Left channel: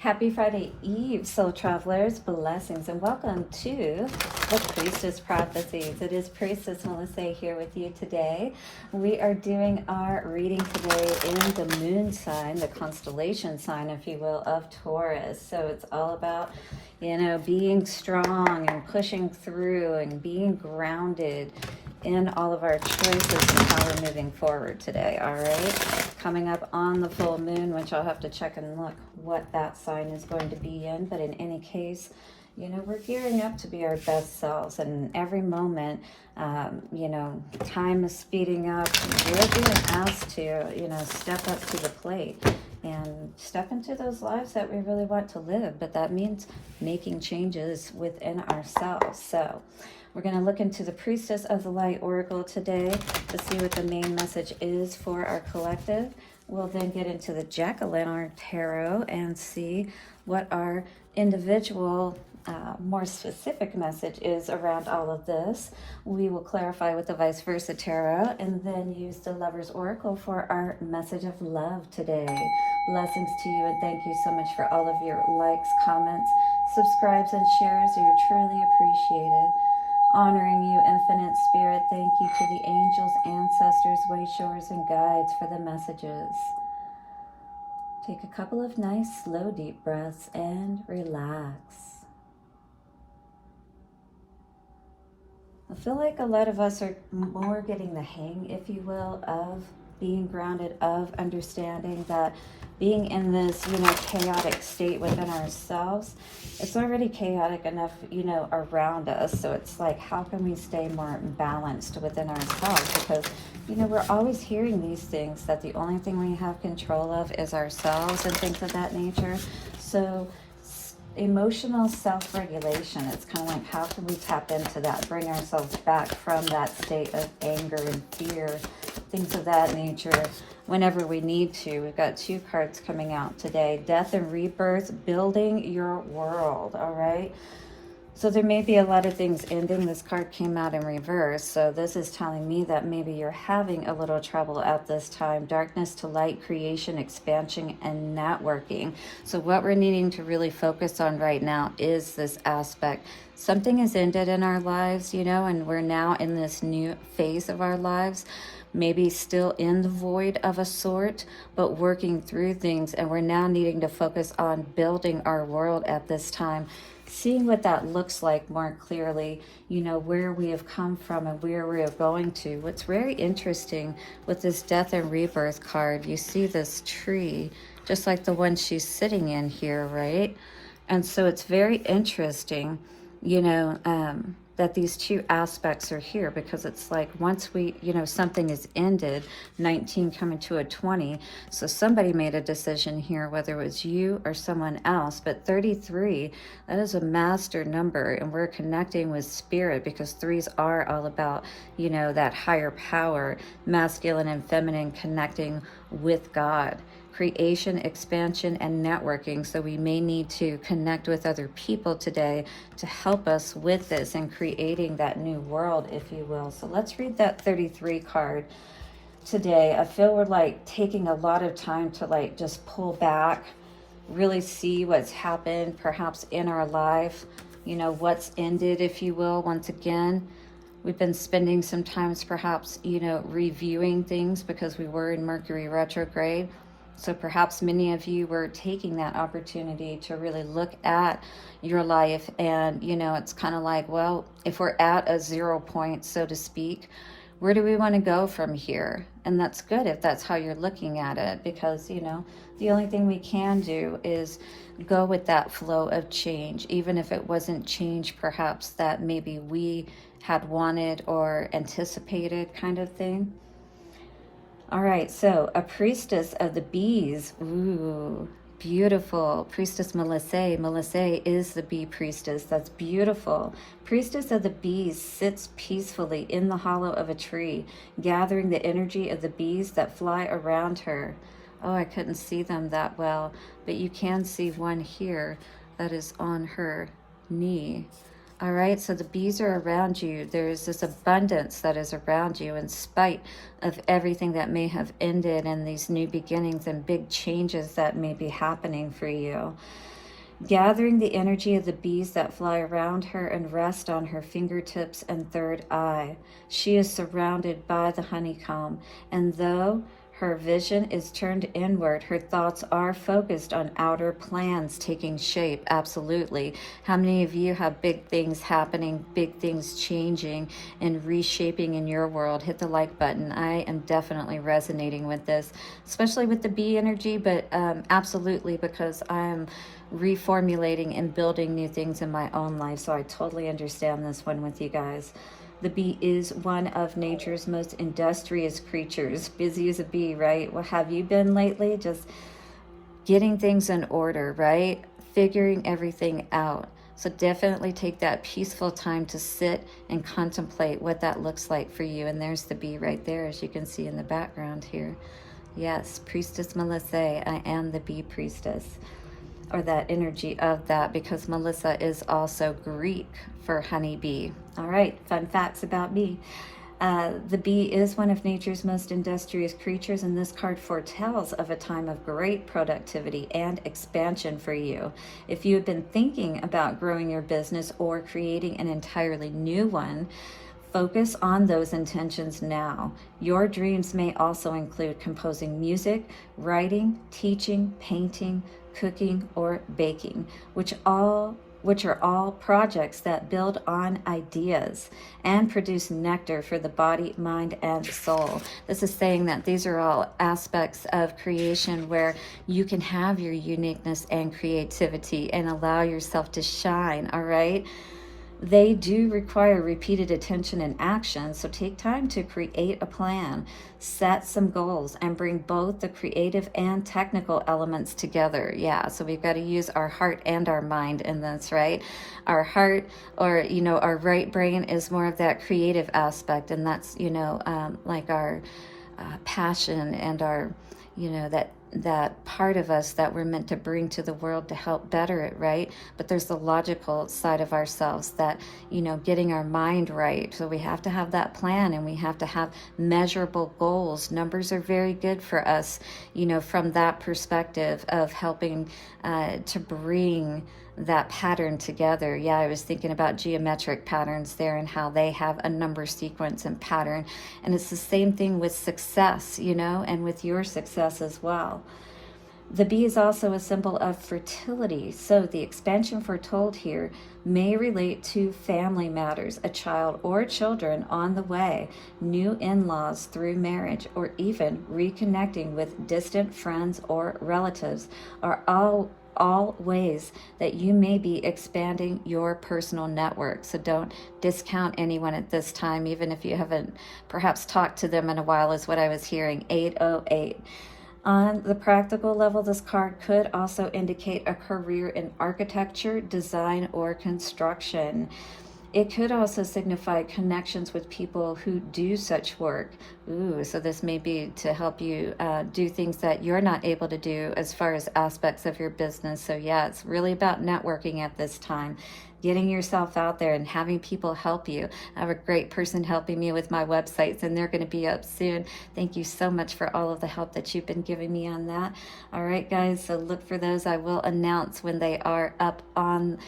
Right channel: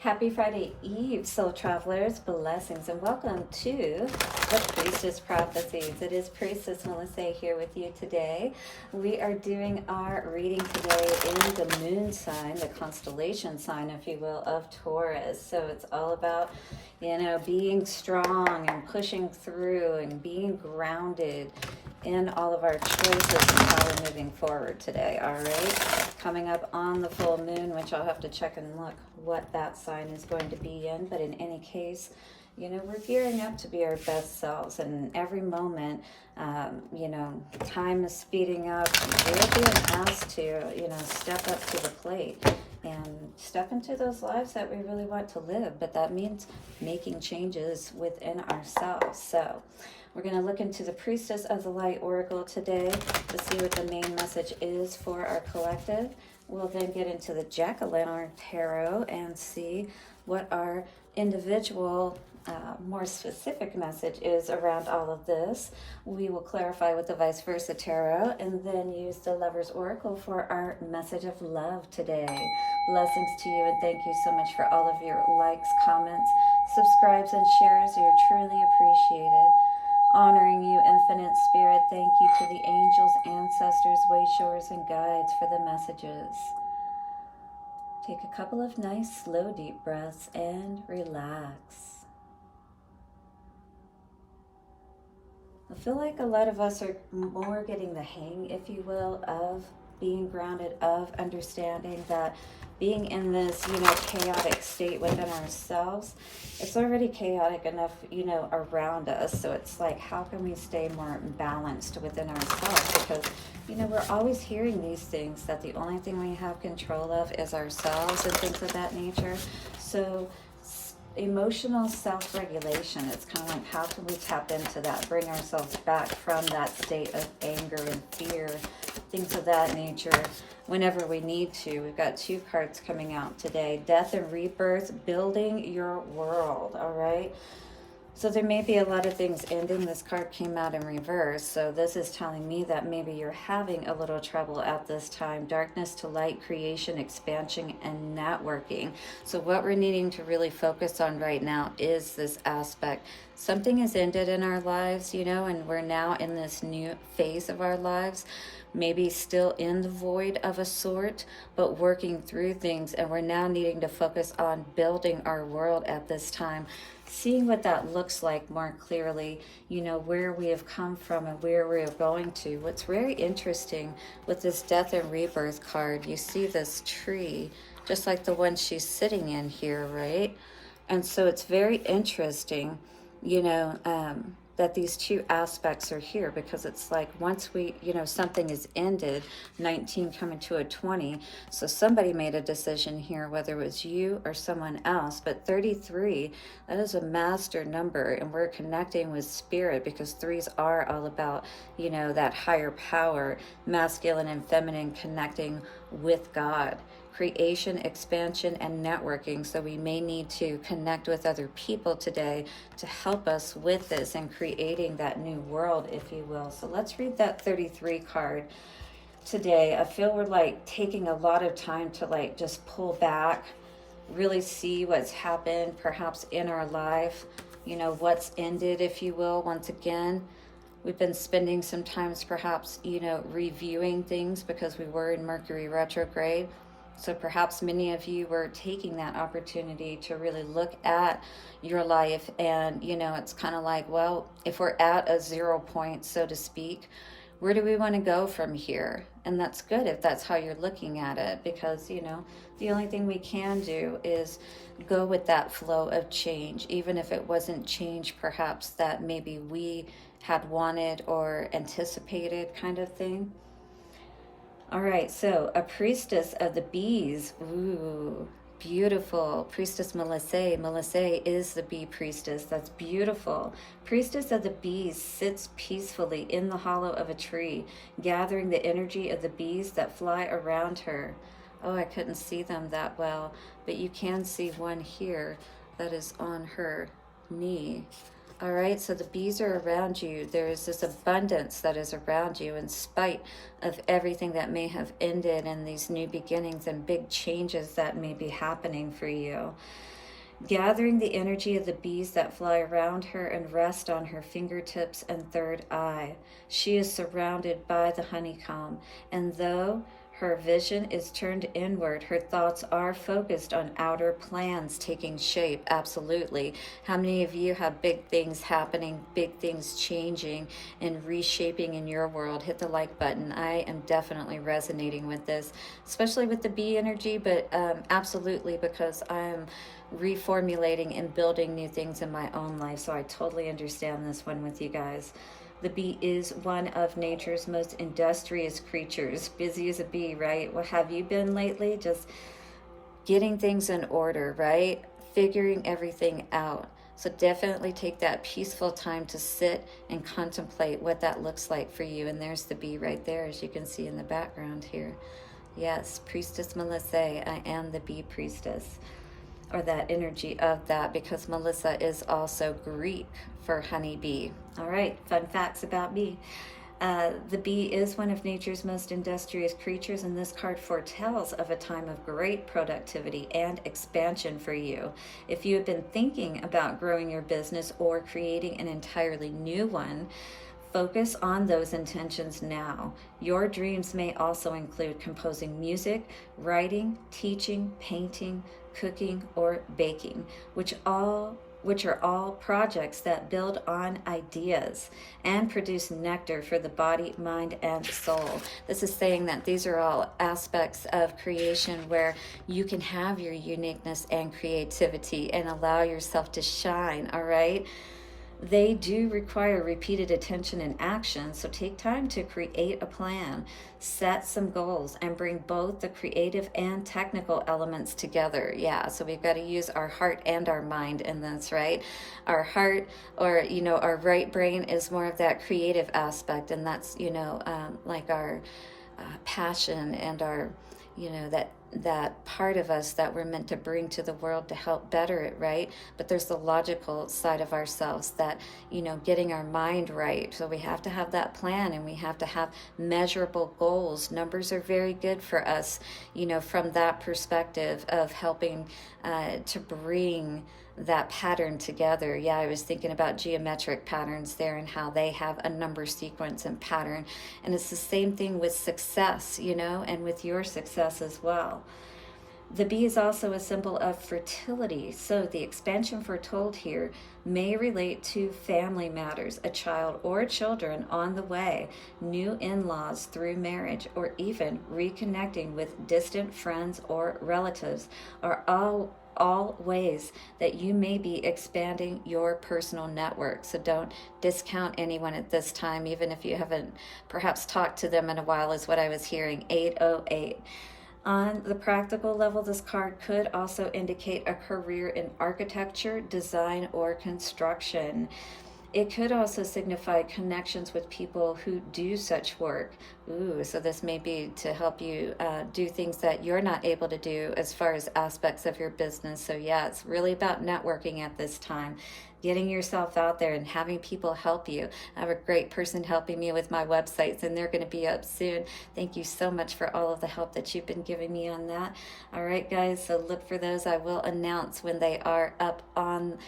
Happy Friday Eve, soul travelers, blessings, and welcome to the Priestess Prophecies. It is Priestess Melissae here with you today. We are doing our reading today in the moon sign, the constellation sign, if you will, of Taurus. So it's all about, being strong and pushing through and being grounded in all of our choices and how we're moving forward today. All right, coming up on the full moon, which I'll have to check and look what that sign is going to be in, but in any case, we're gearing up to be our best selves, and every moment, time is speeding up. We're being asked to, step up to the plate and step into those lives that we really want to live, but that means making changes within ourselves. So we're going to look into the Priestess of the Light Oracle today to see what the main message is for our collective. We'll then get into the Jack-o'-lantern Tarot and see what our individual, more specific message is around all of this. We will clarify with the Vice Versa Tarot and then use the Lover's Oracle for our message of love today. Blessings to you, and thank you so much for all of your likes, comments, subscribes, and shares. You're truly appreciated. Honoring you, Infinite Spirit. Thank you to the angels, ancestors, wayshowers, and guides for the messages. Take a couple of nice, slow, deep breaths and relax. I feel like a lot of us are more getting the hang, if you will, of being grounded, of understanding that being in this, chaotic state within ourselves, it's already chaotic enough, around us. So it's like, how can we stay more balanced within ourselves? Because, we're always hearing these things that the only thing we have control of is ourselves and things of that nature. So emotional self-regulation, it's kind of like, how can we tap into that, bring ourselves back from that state of anger and fear, things of that nature, whenever we need to. We've got two cards coming out today: Death and Rebirth, building your world. All right, so there may be a lot of things ending. This card came out in reverse, so this is telling me that maybe you're having a little trouble at this time. Darkness to light, creation, expansion, and networking. So what we're needing to really focus on right now is this aspect. Something has ended in our lives, and we're now in this new phase of our lives, maybe still in the void of a sort, but working through things, and we're now needing to focus on building our world at this time, seeing what that looks like more clearly, where we have come from and where we're going to. What's very interesting with this Death and Rebirth card, you see this tree, just like the one she's sitting in here, right? And so it's very interesting, that these two aspects are here, because it's like, once we, something is ended, 19 coming to a 20. So somebody made a decision here, whether it was you or someone else, but 33, that is a master number, and we're connecting with spirit, because threes are all about, that higher power, masculine and feminine, connecting with God. Creation, expansion, and networking. So we may need to connect with other people today to help us with this and creating that new world, if you will. So let's read that 33 card today. I feel we're like taking a lot of time to just pull back, really see what's happened perhaps in our life, what's ended, if you will. Once again, we've been spending some times perhaps, reviewing things because we were in Mercury retrograde. So perhaps many of you were taking that opportunity to really look at your life, and, it's kind of like, well, if we're at a 0 point, so to speak, where do we want to go from here? And that's good if that's how you're looking at it, because, the only thing we can do is go with that flow of change, even if it wasn't change perhaps that maybe we had wanted or anticipated, kind of thing. All right, so a priestess of the bees. Ooh, beautiful. Priestess Melissae. Melissae is the bee priestess. That's beautiful. Priestess of the bees sits peacefully in the hollow of a tree, gathering the energy of the bees that fly around her. Oh, I couldn't see them that well, but you can see one here that is on her knee. All right, so the bees are around you. There is this abundance that is around you in spite of everything that may have ended and these new beginnings and big changes that may be happening for you. Gathering the energy of the bees that fly around her and rest on her fingertips and third eye. She is surrounded by the honeycomb, and though her vision is turned inward, her thoughts are focused on outer plans taking shape. Absolutely. How many of you have big things happening, big things changing and reshaping in your world? Hit the like button. I am definitely resonating with this, especially with the bee energy, but absolutely, because I'm reformulating and building new things in my own life. So I totally understand this one with you guys. The bee is one of nature's most industrious creatures. Busy as a bee, right? What have you been lately? Just getting things in order, right? Figuring everything out. So definitely take that peaceful time to sit and contemplate what that looks like for you. And there's the bee right there, as you can see in the background here. Yes, Priestess Melissae, I am the bee priestess, or that energy of that, because Melissa is also Greek for honeybee. All right, fun facts about me. The bee is one of nature's most industrious creatures, and this card foretells of a time of great productivity and expansion for you. If you have been thinking about growing your business or creating an entirely new one, focus on those intentions now. Your dreams may also include composing music, writing, teaching, painting, cooking, or baking, which are all projects that build on ideas and produce nectar for the body, mind, and soul. This is saying that these are all aspects of creation where you can have your uniqueness and creativity and allow yourself to shine, all right? They do require repeated attention and action, so take time to create a plan, set some goals, and bring both the creative and technical elements together. Yeah, so we've got to use our heart and our mind in this, right? Our heart, or, our right brain is more of that creative aspect, and that's, like our passion and our, that part of us that we're meant to bring to the world to help better it, right? But there's the logical side of ourselves that, getting our mind right. So we have to have that plan, and we have to have measurable goals. Numbers are very good for us, from that perspective of helping to bring that pattern together. Yeah, I was thinking about geometric patterns there and how they have a number sequence and pattern. And it's the same thing with success, and with your success as well. The bee is also a symbol of fertility. So the expansion foretold here may relate to family matters, a child or children on the way, new in-laws through marriage, or even reconnecting with distant friends or relatives are all ways that you may be expanding your personal network. So don't discount anyone at this time, even if you haven't perhaps talked to them in a while, is what I was hearing. 808. On the practical level, this card could also indicate a career in architecture, design, or construction. It could also signify connections with people who do such work. Ooh, so this may be to help you do things that you're not able to do as far as aspects of your business. So yeah, it's really about networking at this time. Getting yourself out there and having people help you. I have a great person helping me with my websites, and they're going to be up soon. Thank you so much for all of the help that you've been giving me on that. All right, guys, so look for those. I will announce when they are up on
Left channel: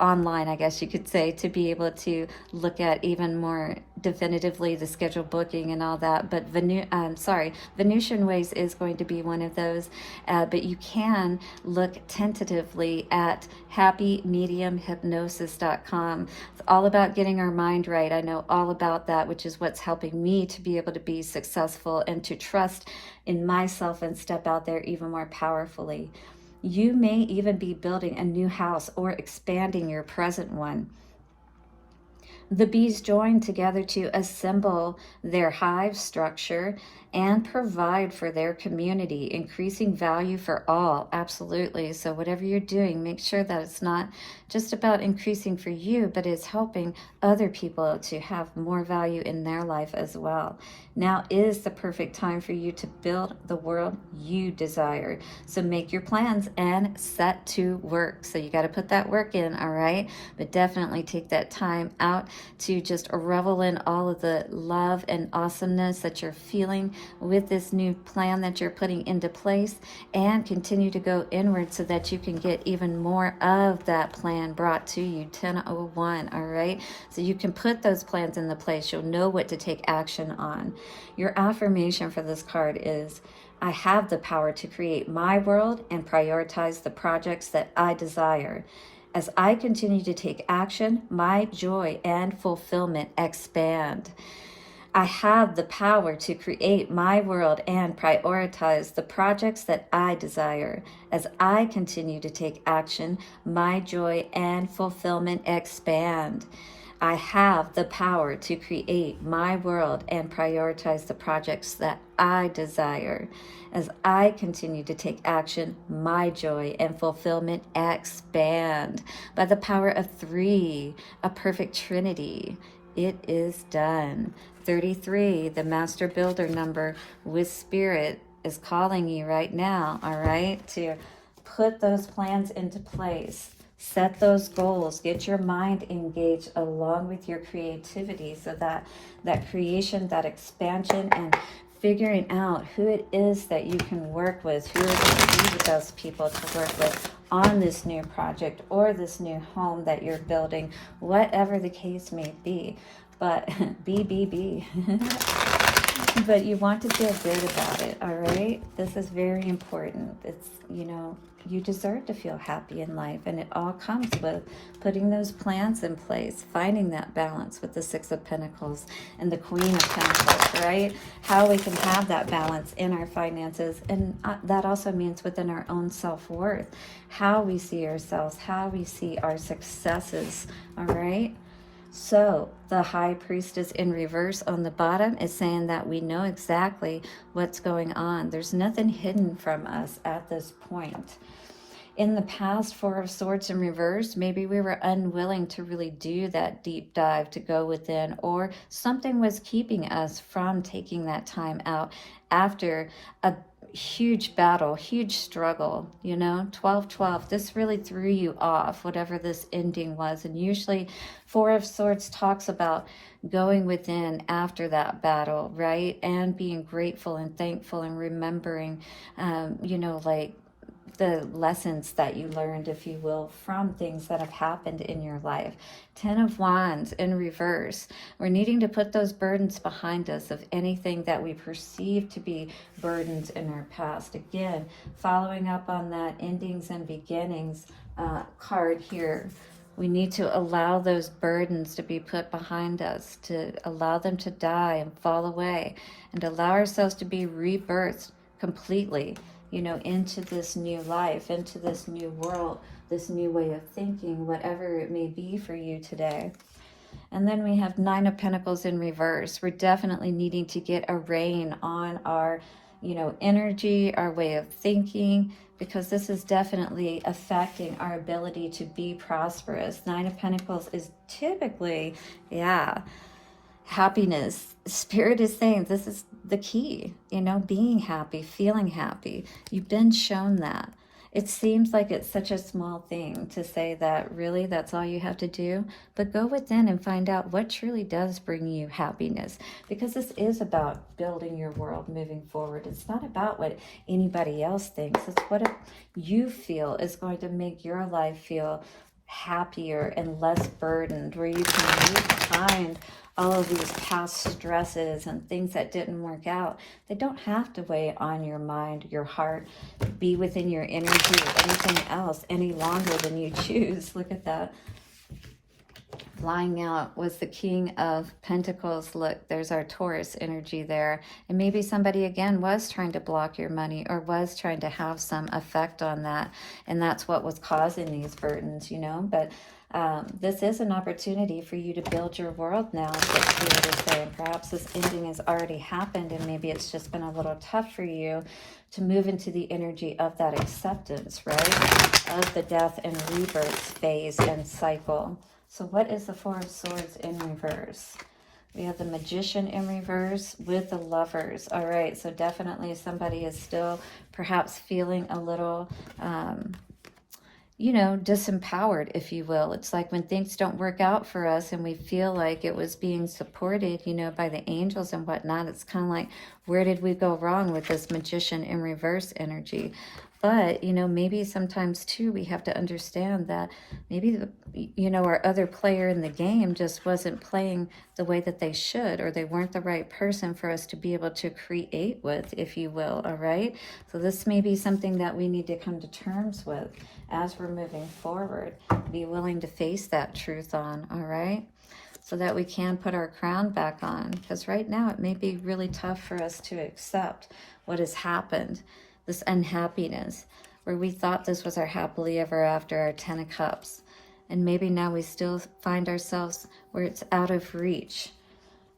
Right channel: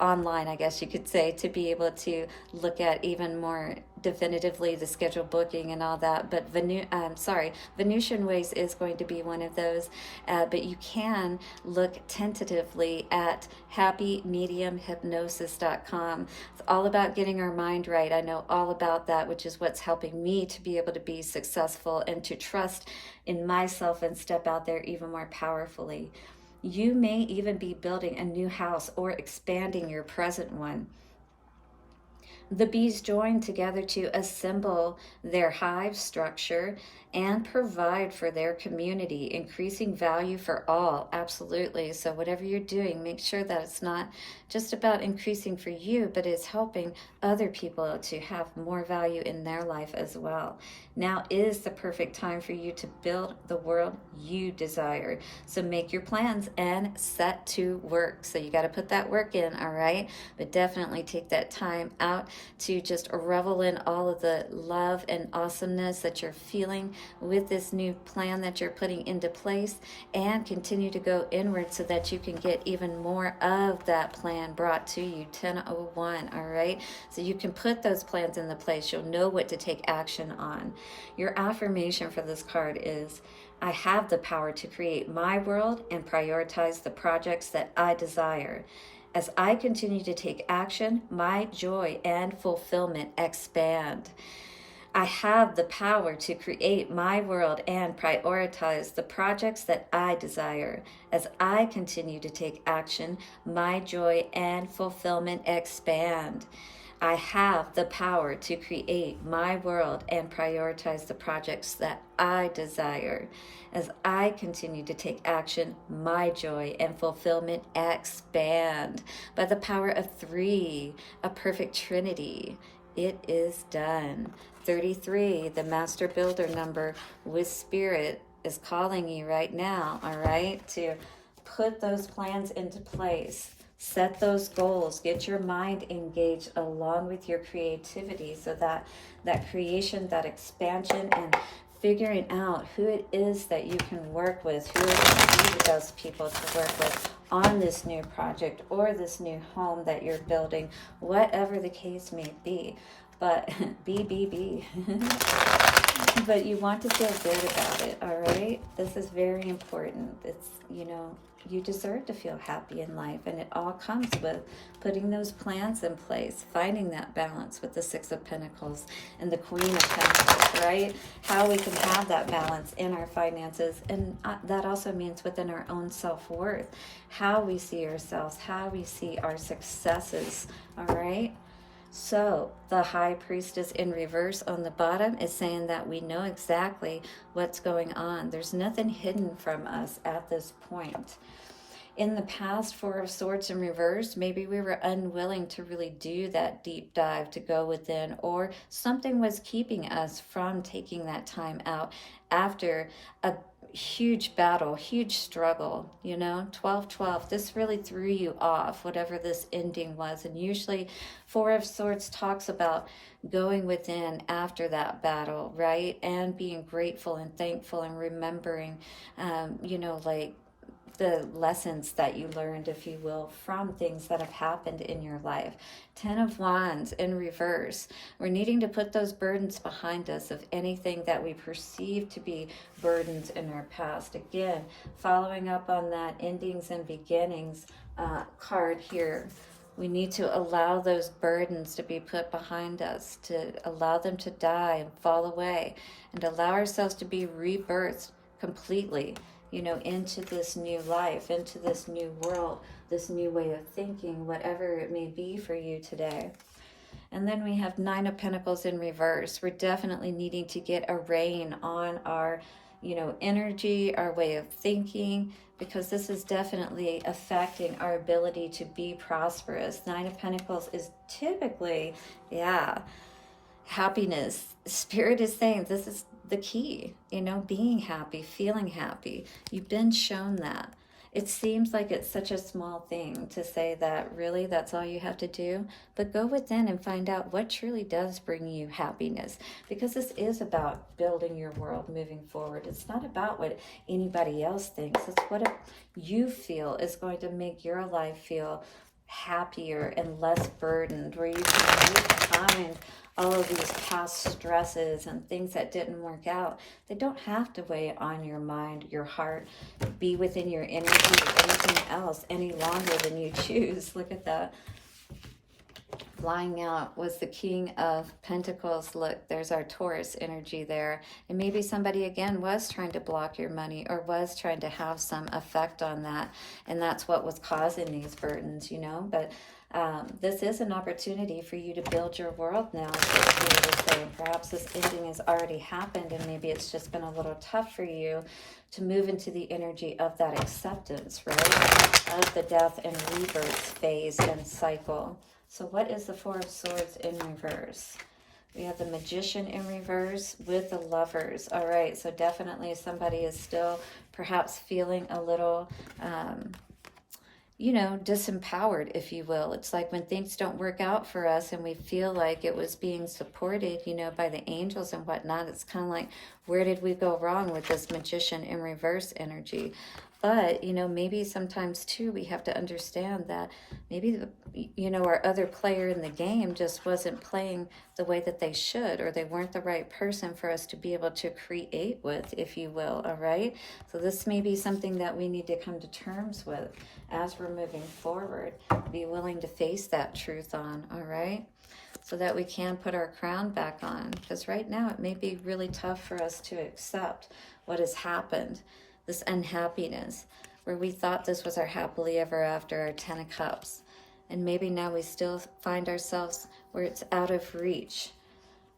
online, I guess you could say, to be able to look at even more definitively the schedule booking and all that. But Venusian Ways is going to be one of those, but you can look tentatively at happymediumhypnosis.com. It's all about getting our mind right. I know all about that, which is what's helping me to be able to be successful and to trust in myself and step out there even more powerfully. You may even be building a new house or expanding your present one. The bees join together to assemble their hive structure, and provide for their community, increasing value for all. Absolutely. So whatever you're doing, make sure that it's not just about increasing for you, but it's helping other people to have more value in their life as well. Now is the perfect time for you to build the world you desire. So make your plans and set to work. So you got to put that work in, all right? But definitely take that time out to just revel in all of the love and awesomeness that you're feeling with this new plan that you're putting into place, and continue to go inward so that you can get even more of that plan brought to you. 1001, all right? So you can put those plans into place. You'll know what to take action on. Your affirmation for this card is, I have the power to create my world and prioritize the projects that I desire. As I continue to take action, my joy and fulfillment expand. I have the power to create my world and prioritize the projects that I desire. As I continue to take action, my joy and fulfillment expand. I have the power to create my world and prioritize the projects that I desire. As I continue to take action, my joy and fulfillment expand. By the power of 3, a perfect Trinity, it is done. 33, the master builder number with spirit, is calling you right now, all right, to put those plans into place. Set those goals, get your mind engaged along with your creativity, so that creation, that expansion, and figuring out who it is that you can work with, who are the best people to work with on this new project or this new home that you're building, whatever the case may be. But be. But you want to feel good about it, all right? This is very important. It's, you deserve to feel happy in life, and it all comes with putting those plans in place, finding that balance with the 6 of Pentacles and the Queen of Pentacles, right? How we can have that balance in our finances, and that also means within our own self-worth, how we see ourselves, how we see our successes, all right? So the High Priestess in reverse on the bottom is saying that we know exactly what's going on. There's nothing hidden from us at this point. In the past, 4 of Swords in reverse, maybe we were unwilling to really do that deep dive to go within, or something was keeping us from taking that time out after a huge battle, huge struggle, 12-12, this really threw you off, whatever this ending was. And usually 4 of Swords talks about going within after that battle, right? And being grateful and thankful and remembering, like the lessons that you learned, if you will, from things that have happened in your life. 10 of Wands in reverse. We're needing to put those burdens behind us of anything that we perceive to be burdens in our past. Again, following up on that endings and beginnings card here. We need to allow those burdens to be put behind us, to allow them to die and fall away, and allow ourselves to be rebirthed completely, into this new life, into this new world, this new way of thinking, whatever it may be for you today. And then we have 9 of Pentacles in reverse. We're definitely needing to get a rein on our, energy, our way of thinking, because this is definitely affecting our ability to be prosperous. 9 of Pentacles is typically, happiness. Spirit is saying this is the key, being happy, feeling happy. You've been shown that. It seems like it's such a small thing to say that really that's all you have to do, but go within and find out what truly does bring you happiness, because this is about building your world moving forward. It's not about what anybody else thinks. It's what you feel is going to make your life feel happier and less burdened, where you can really find all of these past stresses and things that didn't work out. They don't have to weigh on your mind, your heart, be within your energy or anything else any longer than you choose. Look at that. Flying out was the King of Pentacles. Look, there's our Taurus energy there. And maybe somebody, again, was trying to block your money or was trying to have some effect on that. And that's what was causing these burdens, you know. But this is an opportunity for you to build your world now. Perhaps this ending has already happened and maybe it's just been a little tough for you to move into the energy of that acceptance, right? Of the death and rebirth phase and cycle. So what is the Four of Swords in reverse? We have the Magician in reverse with the Lovers. All right, so definitely somebody is still perhaps feeling a little, you know, disempowered, if you will. It's like when things don't work out for us and we feel like it was being supported, you know, by the angels and whatnot. It's kind of like, where did we go wrong with this Magician in reverse energy? But, you know, maybe sometimes too, we have to understand that maybe, you know, our other player in the game just wasn't playing the way that they should, or they weren't the right person for us to be able to create with, if you will, all right? So this may be something that we need to come to terms with as we're moving forward. Be willing to face that truth on, all right? So that we can put our crown back on. Because right now it may be really tough for us to accept what has happened. This unhappiness, where we thought this was our happily ever after, our 10 of Cups. And maybe now we still find ourselves where it's out of reach,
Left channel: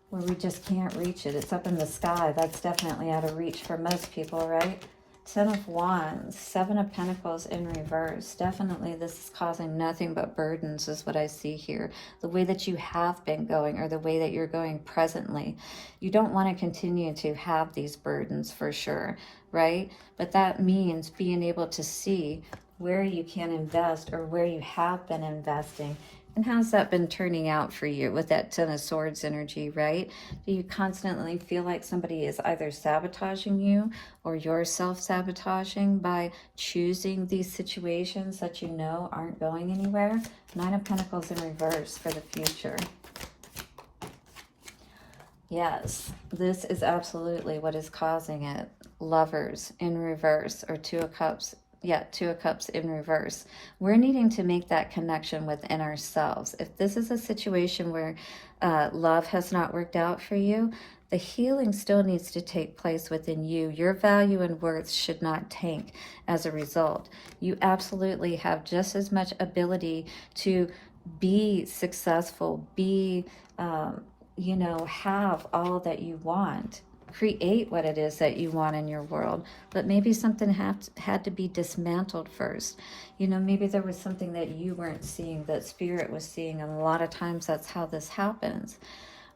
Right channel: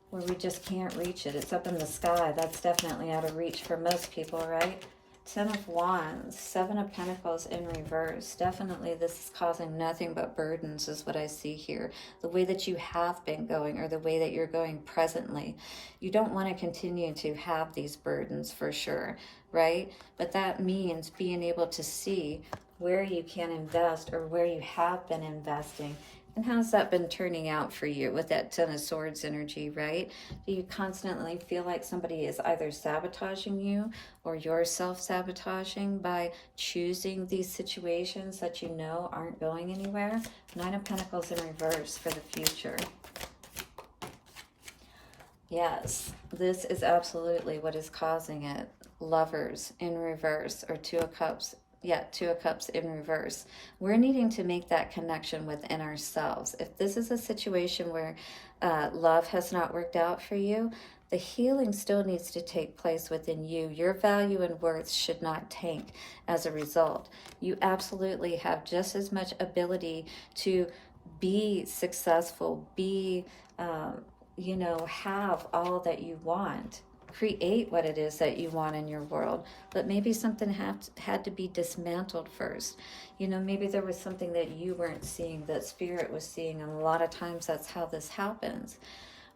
where we just can't reach it. It's up in the sky. That's definitely out of reach for most people, right? 10 of Wands, 7 of Pentacles in reverse. Definitely this is causing nothing but burdens is what I see here. The way that you have been going, or the way that you're going presently. You don't want to continue to have these burdens for sure, right? But that means being able to see where you can invest, or where you have been investing. And how's that been turning out for you with that 10 of Swords energy, right? Do you constantly feel like somebody is either sabotaging you, or you're self-sabotaging by choosing these situations that you know aren't going anywhere? 9 of Pentacles in reverse for the future. Yes, this is absolutely what is causing it. Lovers in reverse, or 2 of Cups. Yeah, 2 of Cups in reverse. We're needing to make that connection within ourselves. If this is a situation where love has not worked out for you, the healing still needs to take place within you. Your value and worth should not tank as a result. You absolutely have just as much ability to be successful, be, you know, have all that you want. Create what it is that you want in your world, but maybe something had to be dismantled first. You know, maybe there was something that you weren't seeing that Spirit was seeing, and a lot of times that's how this happens.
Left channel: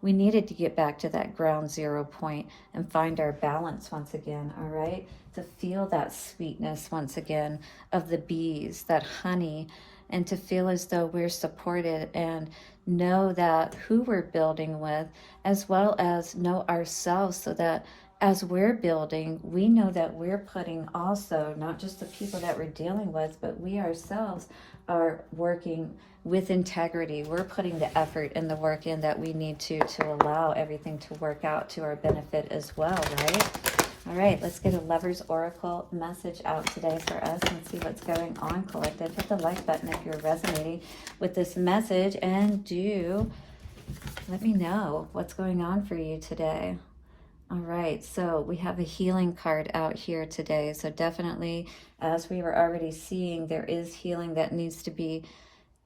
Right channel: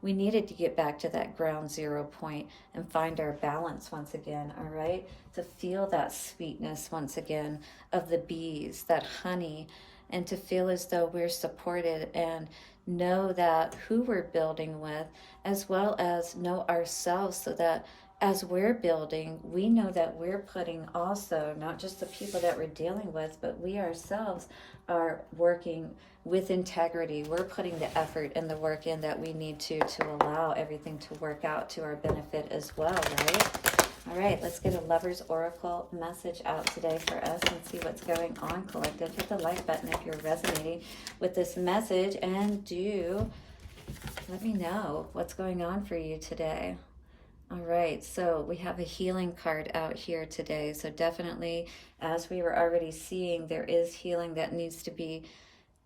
We needed to get back to that ground zero point and find our balance once again, all right? To feel that sweetness once again of the bees, that honey, and to feel as though we're supported and know that who we're building with, as well as know ourselves, so that as we're building, we know that we're putting also, not just the people that we're dealing with, but we ourselves are working with integrity. We're putting the effort and the work in that we need to allow everything to work out to our benefit as well, right? All right, let's get a Lover's Oracle message out today for us and see what's going on, collective. Hit the like button if you're resonating with this message, and do let me know what's going on for you today. All right, so we have a healing card out here today. So definitely, as we were already seeing, there is healing that needs to be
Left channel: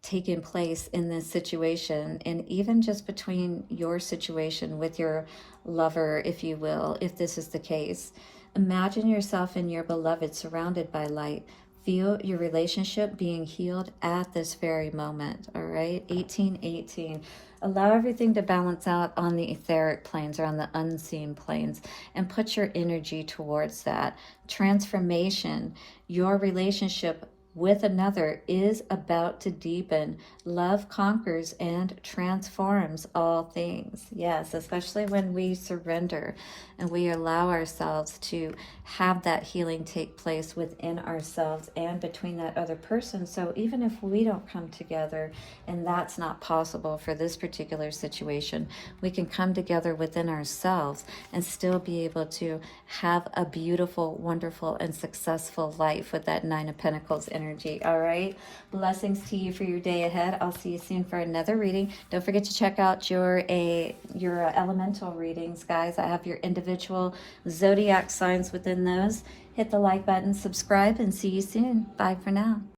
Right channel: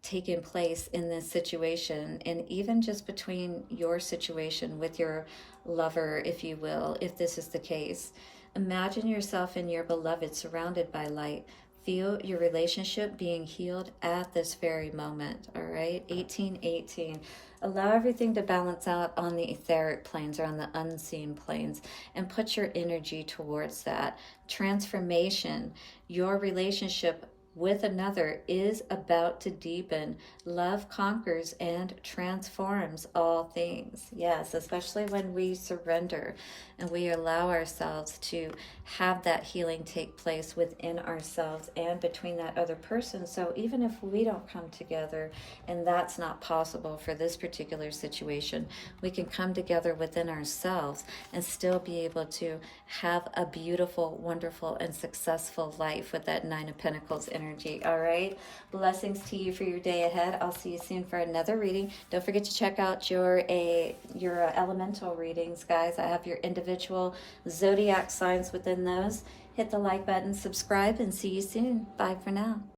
taking place in this situation, and even just between your situation with your lover, if you will, if this is the case. Imagine yourself and your beloved surrounded by light. Feel your relationship being healed at this very moment, all right? 1818. Allow everything to balance out on the etheric planes, or on the unseen planes, and put your energy towards that. Transformation. Your relationship with another is about to deepen. Love conquers and transforms all things. Yes, especially when we surrender and we allow ourselves to have that healing take place within ourselves and between that other person. So even if we don't come together, and that's not possible for this particular situation, we can come together within ourselves and still be able to have a beautiful, wonderful, and successful life with that Nine of Pentacles energy. All right, blessings to you for your day ahead. I'll see you soon for another reading. Don't forget to check out your elemental readings, guys. I have your individual zodiac signs within those. Hit the like button, subscribe, and see you soon. Bye for now.